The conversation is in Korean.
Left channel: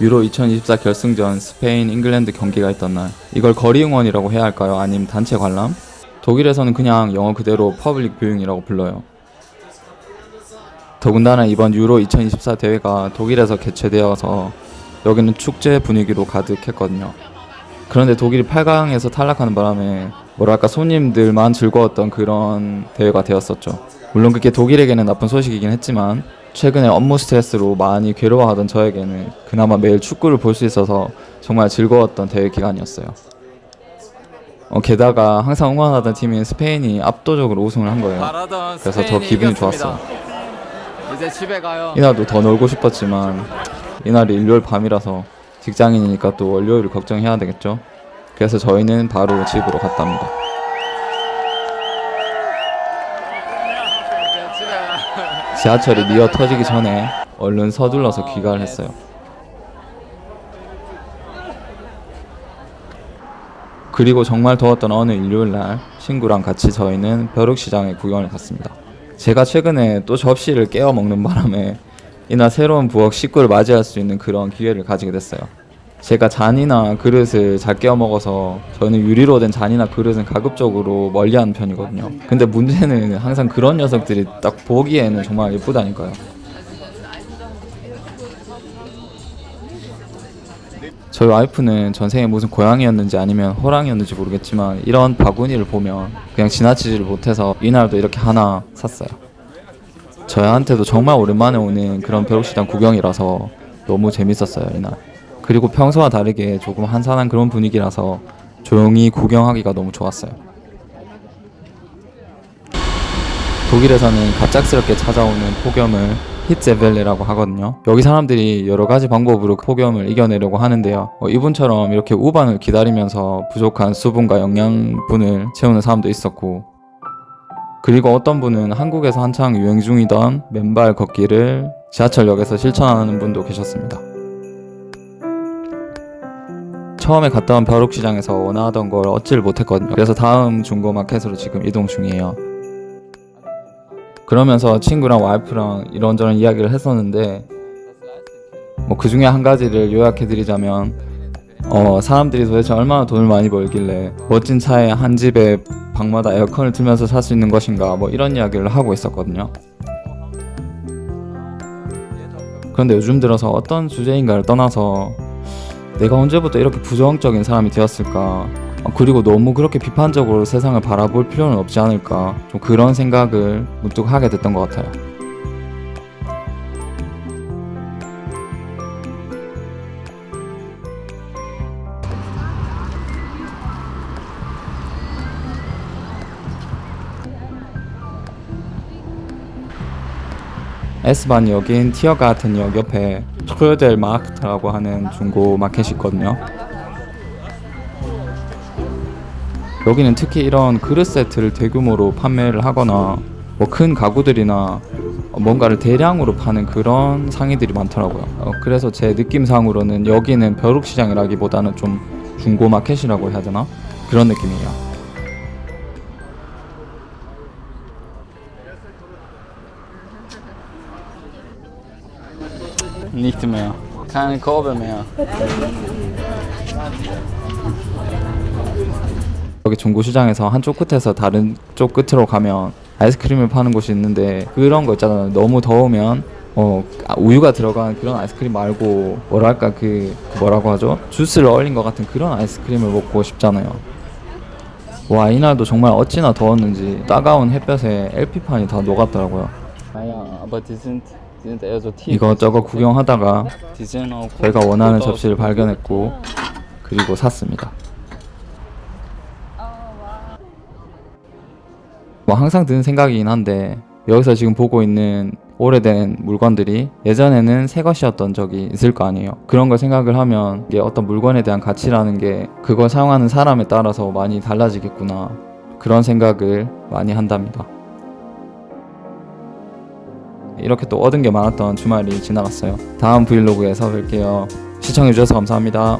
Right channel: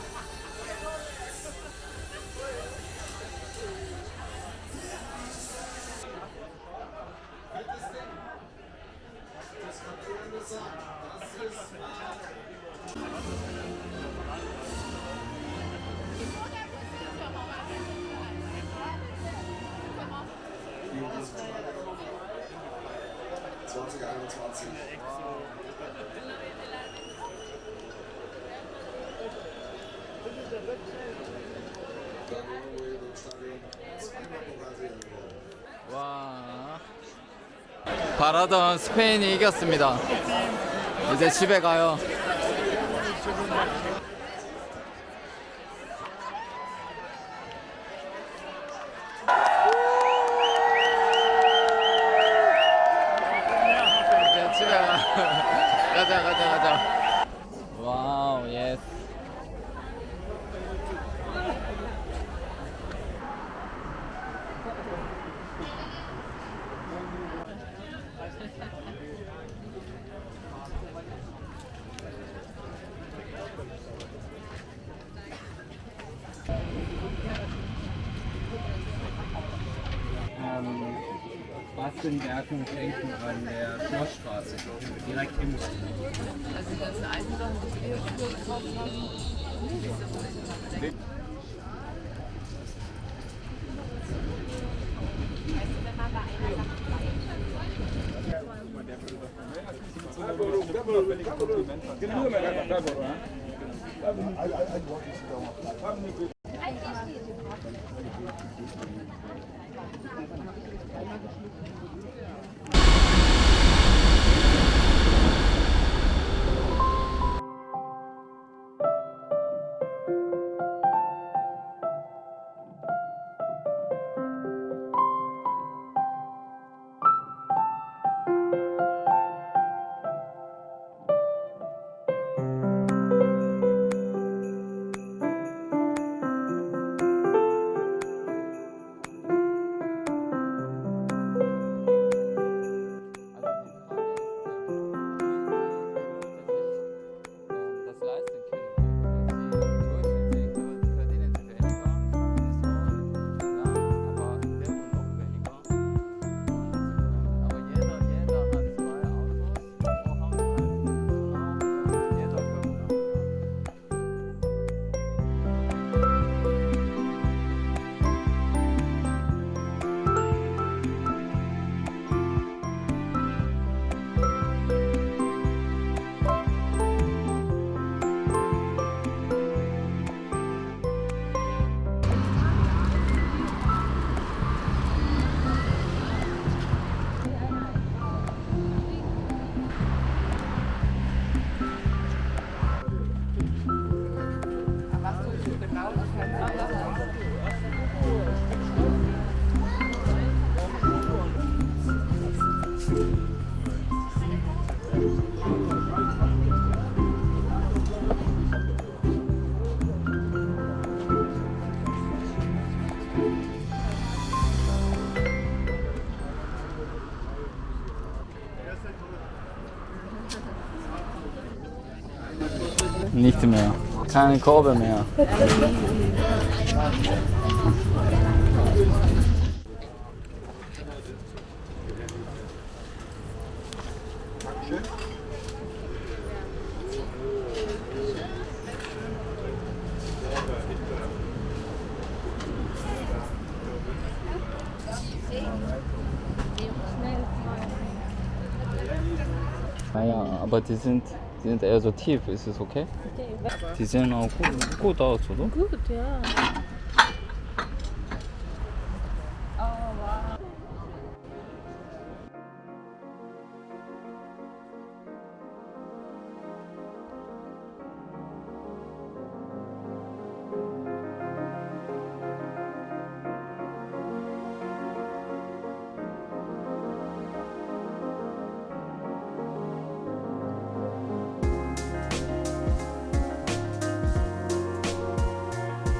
유로 2024 결승전 스페인 잉글랜드 경기가 있던 날, 이걸 거리 응원이라고 해야 할까요? 아니면 단체 관람? 독일에서는 그냥 영어 그대로 퍼블릭 뷰잉이라고 불러요. 더군다나 이번 유로 2024 대회가 독일에서 개최되어서 여기는 축제 분위기로 가득했거든요. 그런데 독일이 8강에서 탈락하는 바람에 뭐랄까 손님들만 즐거웠던 그런 대회가 되었었죠. 물론 그게 독일에게는 나쁜 소식이긴 했지만 최근에 업무 스트레스로 많이 괴로워하던 저에게는 그나마 매일 축구를 볼 수 있어서 정말 즐거웠던 대회 기간이었어요. 게다가 항상 응원하던 팀인 스페인이 압도적으로 우승을 한 거예요. 바라던 그래서 더 스페인이 기분이 이겼습니다. 좋았어요. 이제 집에 가요. 이날도 더 놀고 싶었지만 이날이 일요일 밤이라서 직장인이니까 또 월요일을 걱정해야 되겠죠. 그래서 저희는 바로 집으로 갔답니다. 이제 집에 가. 지하철이 미어 터지기 전에 얼른 서둘러서 귀가를 했어요. 그리고 정말 더웠던 어느 일요일날 친구랑 같이 저희는 벼룩시장에 구경을 갔습니다. 제가 최근에 또 접시를 깨워 먹는 바람에 이날 새로운 부엌 식구를 맞이할 수 있는 그런 기회를 가지게 됐어요. 제가 잔이나 그릇을 잘 깨워 먹어서 저는 유리로 된 잔이나 그릇은 가급적으로 멀리하는 편이거든요. 근데 문제는 항상 그런 녀석들이 딱 보기에는 정말 예쁘다니까요. 저희 와이프는 전생에 무슨 고양이였는지 아니면 호랑이였는지 모르겠지만 이런 바구니를 보면 그냥 지나치지를 못해서 이날도 이렇게 하나 샀어요. 저희한테도 정말 오랜만에 오는 그런 벼룩시장 구경이라서 너무 재밌었어요 이날. 그리고 평소와 다르게 조금 한산한 그런 분위기라서 조용히 구경하기가 너무 좋았어요. 독일에서는 갑작스럽게 찾아오는 폭염을 히츠벨레라고 하거든요. 여기 사람들이 여러 가지 방법으로 폭염을 이겨내려고 하는데요. 이분처럼 이렇게 우반을 기다리면서 부족한 수분과 영양분을 채우는 사람도 있었고, 그리고 어떤 분은 한국에서 한창 유행 중이던 맨발 걷기를 지하철역에서 실천하는 분도 계셨습니다. 처음에 갔다 온 벼룩시장에서 원하던 걸 얻지를 못했거든요. 그래서 다음 중고마켓으로 지금 이동 중이에요. 그러면서 친구랑 와이프랑 이런저런 이야기를 했었는데 그 중에 한 가지를 요약해드리자면 사람들이 도대체 얼마나 돈을 많이 벌길래 멋진 차에 한 집에 방마다 에어컨을 틀면서 살 수 있는 것인가 이런 이야기를 하고 있었거든요. 그런데 요즘 들어서 어떤 주제인가를 떠나서 내가 언제부터 이렇게 부정적인 사람이 되었을까, 그리고 너무 그렇게 비판적으로 세상을 바라볼 필요는 없지 않을까, 좀 그런 생각을 문득 하게 됐던 것 같아요. S반역인 티어가텐역 옆에 트로델마크트라고 하는 중고 마켓이 있거든요. 여기는 특히 이런 그릇 세트를 대규모로 판매를 하거나 큰 가구들이나 뭔가를 대량으로 파는 그런 상인들이 많더라고요. 그래서 제 느낌상으로는 여기는 벼룩시장이라기보다는 좀 중고 마켓이라고 해야 되나? 그런 느낌이에요. Nicht mehr. Keine Korbe mehr. 여기 중고시장에서 한쪽 끝에서 다른 쪽 끝으로 가면 아이스크림을 파는 곳이 있는데 그런 거 있잖아요. 너무 더우면 우유가 들어간 그런 아이스크림 말고 뭐랄까 뭐라고 하죠? 주스를 얼린 것 같은 그런 아이스크림을 먹고 싶잖아요. 와, 이날도 정말 어찌나 더웠는지 따가운 햇볕에 LP판이 다 녹았더라고요. Naja, aber die sind eher so tief. 이것저것 구경하다가 Die sehen auch 제가 원하는 gut aus. 접시를 발견했고 그리고 샀습니다. 항상 드는 생각이긴 한데 여기서 지금 보고 있는 오래된 물건들이 예전에는 새 것이었던 적이 있을 거 아니에요. 그런 걸 생각을 하면 이게 어떤 물건에 대한 가치라는 게 그걸 사용하는 사람에 따라서 많이 달라지겠구나, 그런 생각을 많이 한답니다. 이렇게 또 얻은 게 많았던 주말이 지나갔어요. 다음 브이로그에서 뵐게요. 시청해주셔서 감사합니다.